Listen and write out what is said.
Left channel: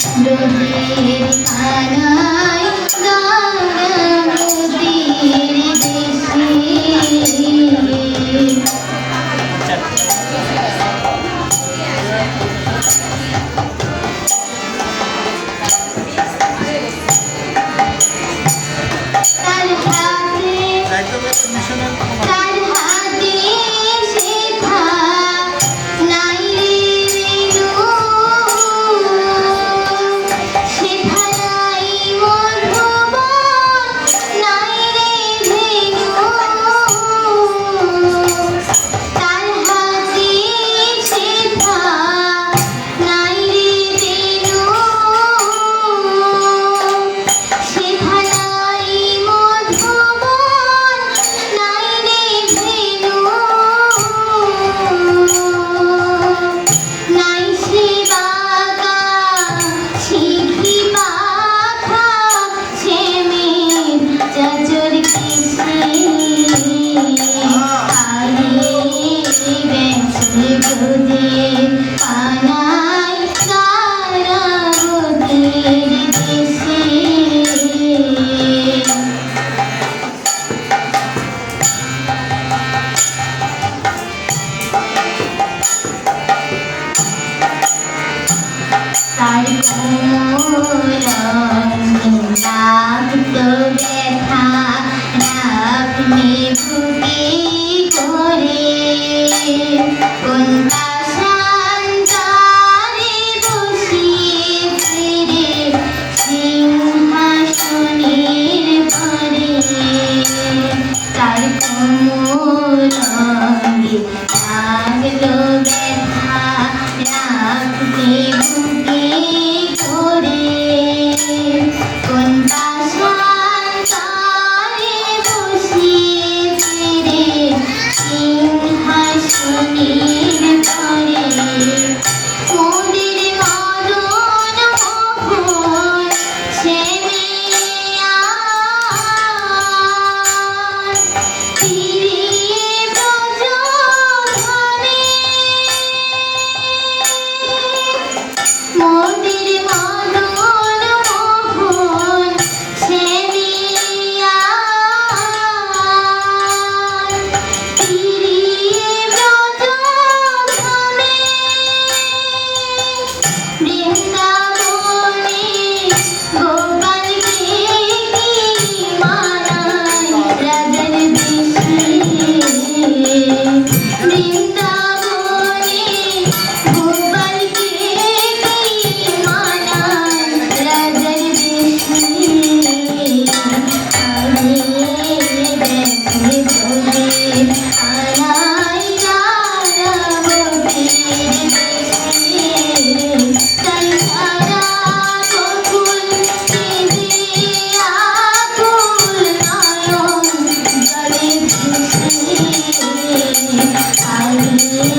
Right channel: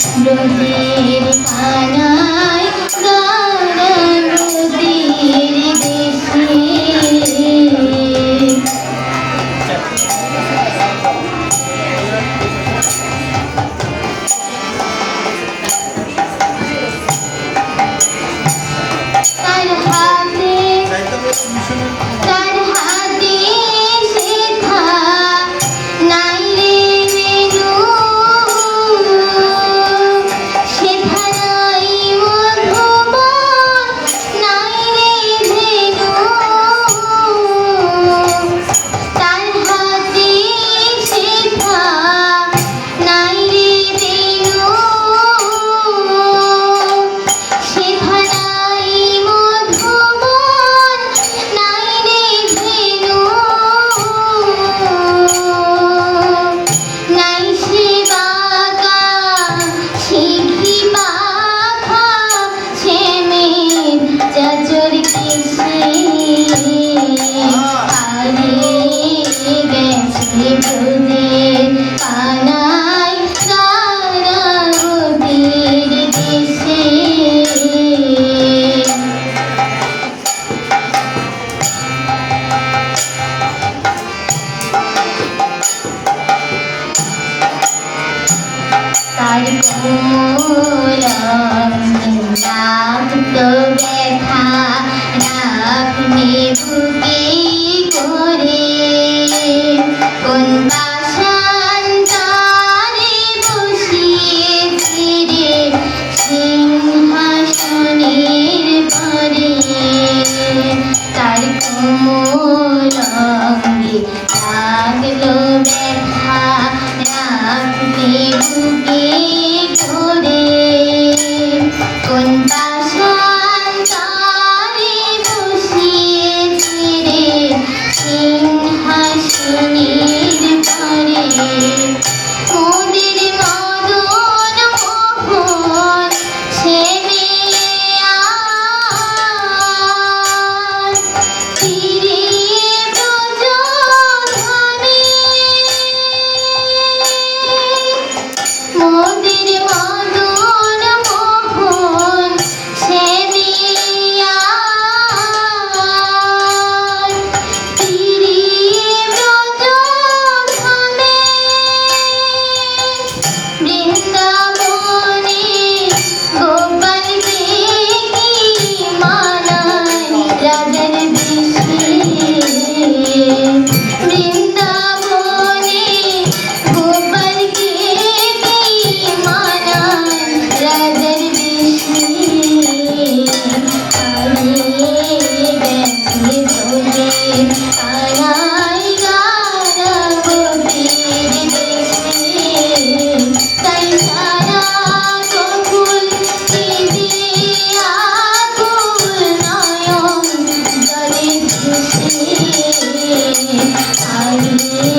Thank you. Thank you. 林。